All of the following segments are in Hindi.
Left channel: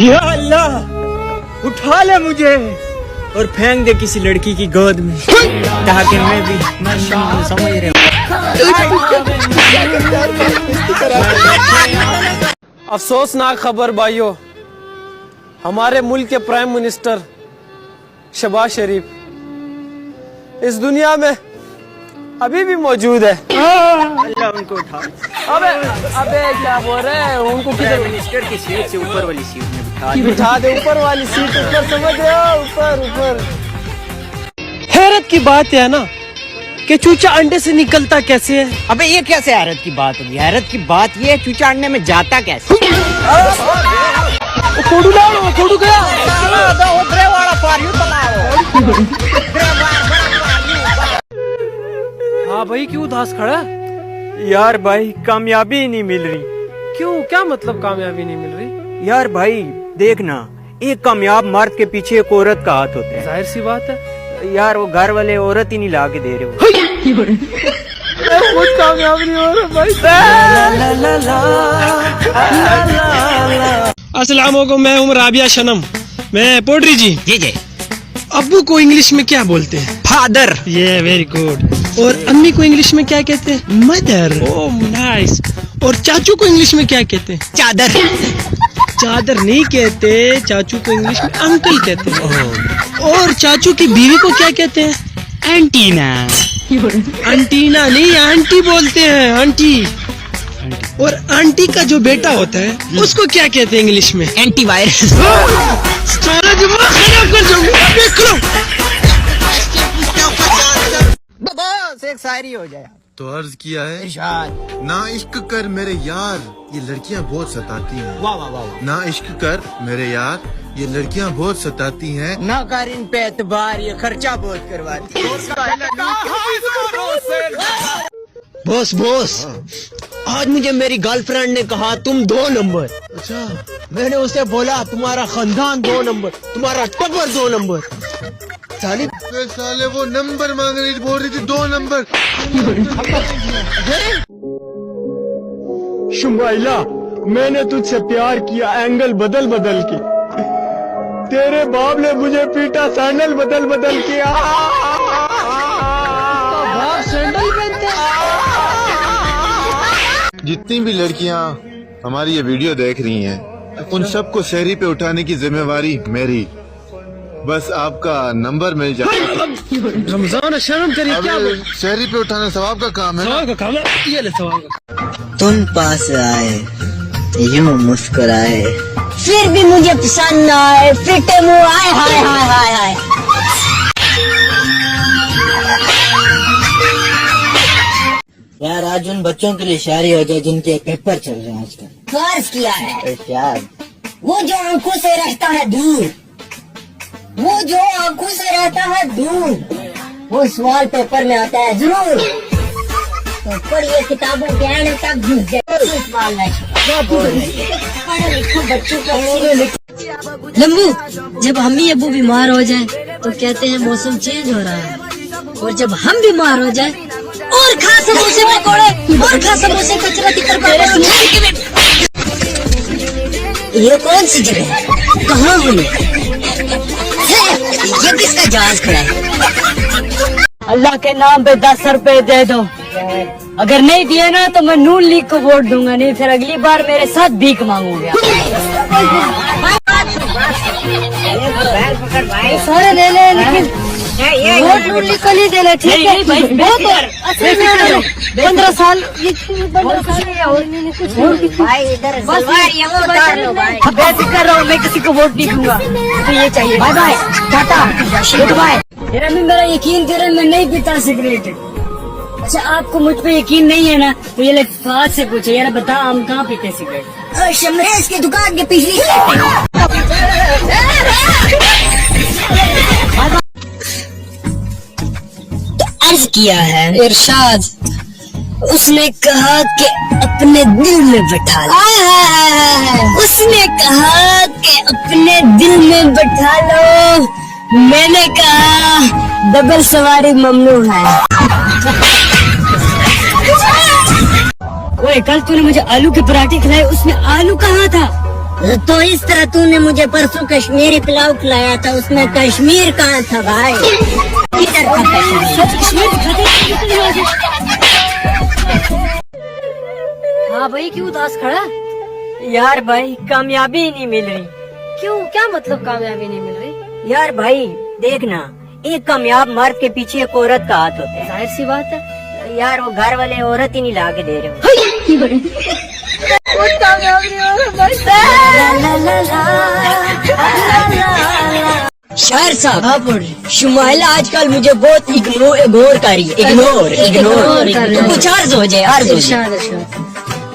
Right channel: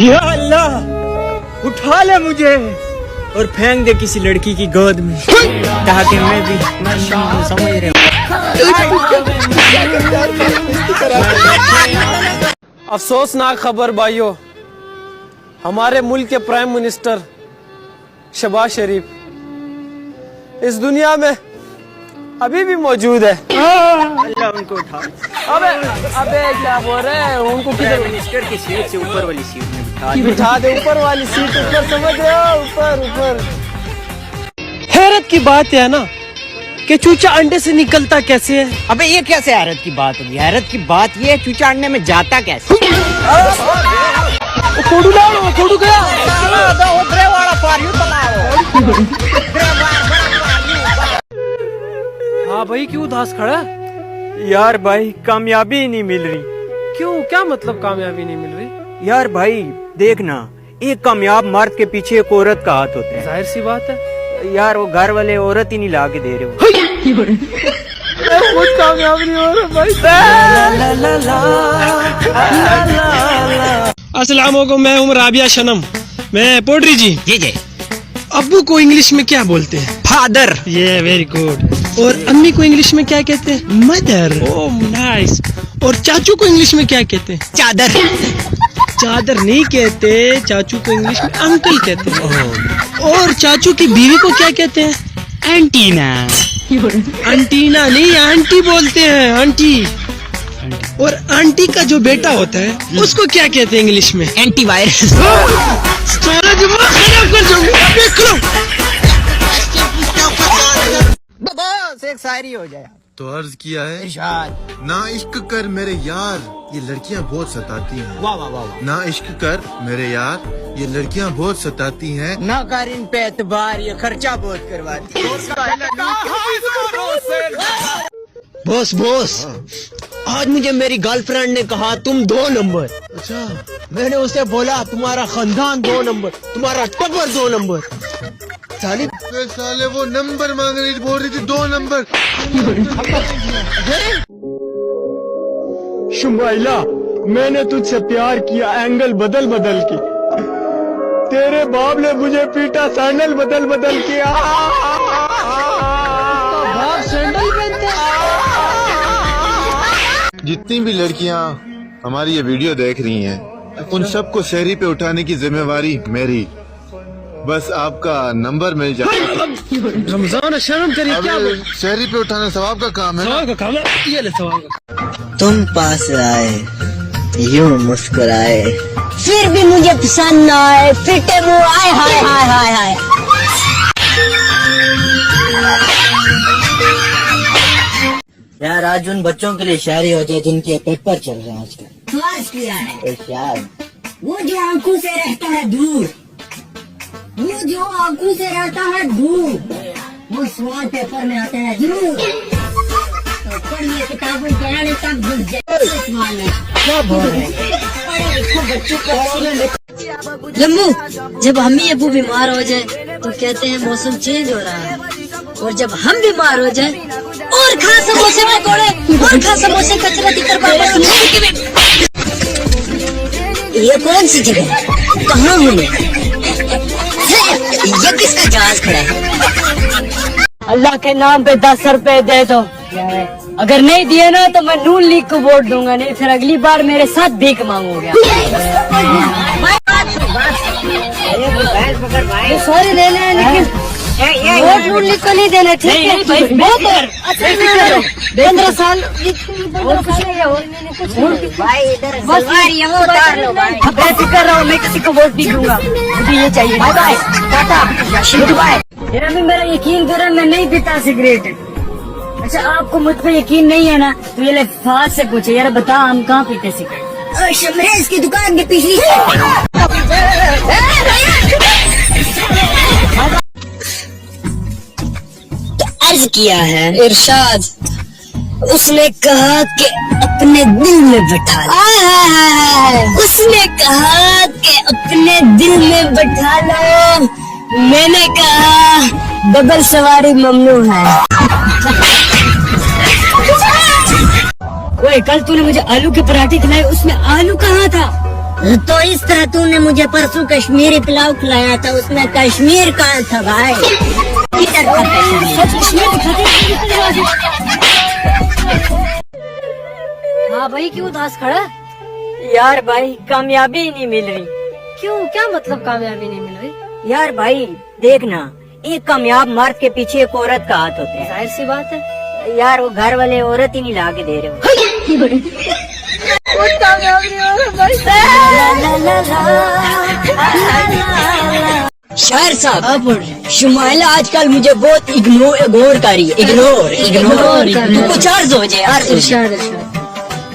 या अल्लाह, उठा ले मुझे और फेंक दे किसी लड़की की गोद में, ताकि मैं भी समझ रहा हूँ। अफसोसनाक खबर भाइयों, हमारे मुल्क के प्राइम मिनिस्टर शहबाज शरीफ इस दुनिया में अभी भी मौजूद है। अल्लाह उनको उठा। अबे क्या बोल रहे हैं? उनको किधर? मिनिस्टर की सीट से ऊपर वाली सीट में बिठा दे, ऊपर वाली सीट, ऊपर, समझ रहे हो? ऊपर। हैरत की बात है ना कि चूचा अंडे से निकलता कैसे है? अबे ये कैसे हैरत की बात होगी? हैरत की बात ये है चूचा अंडे में जाता कैसे? खोडू गया। हाँ भाई, क्यों उदास खड़ा है? यार भाई, कामयाबी ही नहीं मिल रही। क्यों, क्या मतलब कामयाबी नहीं मिल रही? यार भाई देखना, एक कामयाब मर्द के पीछे एक औरत का हाथ होता है। जाहिर सी बात है यार, वो घर वाले औरत ही नहीं ला के दे रहे हो। कुछ कामयाब नहीं हो रहा भाई। अस्सलाम वालेकुम, मैं हूँ राबिया शनम। मैं पोट्री जी। जी। अब्बू को इंग्लिश में क्या बोलते हैं? फादर। ये वेरी गुड। और अम्मी को इंग्लिश में क्या कहते हैं? मदर। Oh nice. और चाचू को इंग्लिश में क्या कहते हैं? चादर। चादर नहीं कहते, चाचू को इंग्लिश में अंकल कहते हैं। और चाचू की बीवी को क्या कहते हैं? एंटीना। अंटीना नहीं, आंटी बोलते हैं, आंटी। और आंटी का जो बेटा होता है उसको क्या कहते हैं इंग्लिश में? एंटीवायरस। सारा दिमाग खराब कर दूंगा, देख लो। बस एक शायरी हो जाए तो अर्ज किया है, इरशाद। ना इश्क कर मेरे यार, ये लड़कियां बहुत सताती हैं। वाह वाह वाह। ना इश्क कर मेरे यार, ये लड़कियां बहुत सताती हैं। ना कर इन पे एतबार, ये खर्चा बहुत करवाती है। बॉस, आज मुझे मेरी गर्लफ्रेंड ने कहा तुम 2 नंबर। अच्छा, मैंने उसे बोला तुम्हारा खानदान 2 नंबर, तुम्हारा टब्बर 2 नंबर। साले वो नंबर मांग रही थी, बोल रही थी 2 नंबर। शुमाइला, मैंने तुझसे प्यार किया एंगल बदल के। तेरे बाप ने मुझे पीटा सैंडल बदल के। बाप सैंडल पहनते। जितनी भी लड़कियां हमारी ये वीडियो देख रही हैं, उन सबको शहरी पे उठाने की जिम्मेवारी मेरी। बस आपका नंबर मिल जाए। रमजान शर्म करिए, क्या शहरी पे उठाना सवाब का काम है। सवाल का काम है, ये ले सवाल का। तुम पास आए, यूं मुस्कुराए, फिर भी मुझे पसंद न आए, फिटे मुँह आए, हाय हाय हाय हाय। यार आज उन बच्चों के लिए शायरी हो जाए जिनके पेपर चल रहे हैं आजकल। फर्ज किया है वो जो आंखों से रहता है दूर, वो जो आंखों से रहता है दूर, वो सवाल पेपर में आता है जरूर। तो पढ़िए किताबों के आने तक घुस जाए सवाल नहीं। पढ़े लिखा बच्चों को लंबू, जब अम्मी अबू बीमार हो जाए तो कहते हैं मौसम चेंज हो रहा है, और जब हम बीमार हो जाए और खा समोसे में कोड़े, और खा समोसे कचरा की तरफ। ये कौन सी जगह है, कहाँ हुई? ये किसका जहाज खड़ा है? अल्लाह के नाम पे 10 रुपए दे दो। अगर नहीं दिए ना तो मैं नून लीग को वोट दूंगा, नहीं फिर अगली बार मेरे साथ भीख मांगूंगा। सारे दे ले, लेकिन वोट नून लीग को नहीं देना, ठीक है? 15 साल भाई इधर बेफिक्र रहो, मैं किसी को वोट नहीं दूंगा, मुझे ये चाहिए। Bye bye, tata, good bye. अम्मी मेरा यकीन करे, मैं नहीं पीता सिगरेट। अच्छा, आपको मुझ पे यकीन नहीं है ना, तो ये फात से पूछे, यार बता हम कहाँ पीते सिगरेट? शमरेज की दुकान के पिछली। तो अर्ज किया है इरशाद, उसने कहा कि अपने दिल में बैठा लो। उसने कहा कि अपने दिल में बैठा लो, मैंने कहा डबल सवारी ममनू है। कल तूने मुझे आलू के पराठे खिलाए, उसमें आलू कहाँ था? तो इस तरह तूने मुझे परसों कश्मीरी पुलाव खिलाया था, उसमें कश्मीर कहाँ था भाई? किधर था कश्मीर? हाँ भाई, क्यों उदास खड़ा? यार भाई कामयाबी नहीं मिल रही। क्यों, क्या मतलब कामयाबी नहीं मिल रही? यार भाई देखना, एक कामयाब मर्द के पीछे एक औरत का हाथ होता जाहिर सी बात है। है। यार वो घर वाले औरत ही नहीं ला के दे रहे हो। शहर साहब, शुमाइला आजकल मुझे बहुत इग्नोर कर रही है। इग्नोर तो कुछ अर्ज हो जाए, अर्ज हो जाए।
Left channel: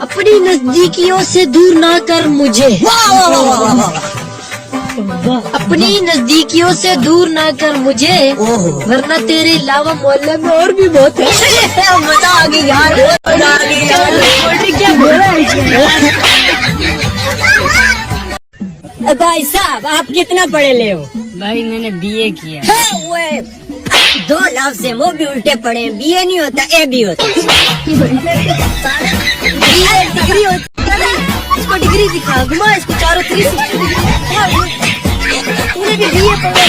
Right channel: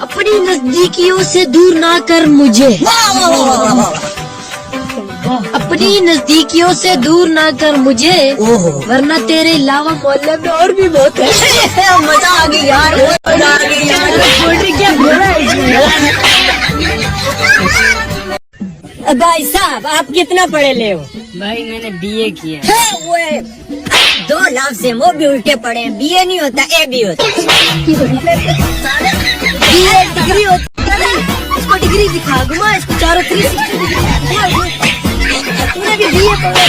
अपनी नजदीकियों से दूर ना कर मुझे, अपनी नजदीकियों से दूर ना कर मुझे, वरना तेरे अलावा मोहल्ले में और भी बहुत है। मजा आ गई यार, मजा आ गई यार। भाई साहब आप कितना पढ़े ले हो? भाई मैंने बीए किया। 2 लफ्ज़ हैं, वो भी उल्टे पड़े हैं। बीए नहीं होता, ए भी होता। बीए डिग्री होती है। इसको डिग्री दिखा, घुमा इसको चारों 360 डिग्री। तूने भी बीए पढ़ा।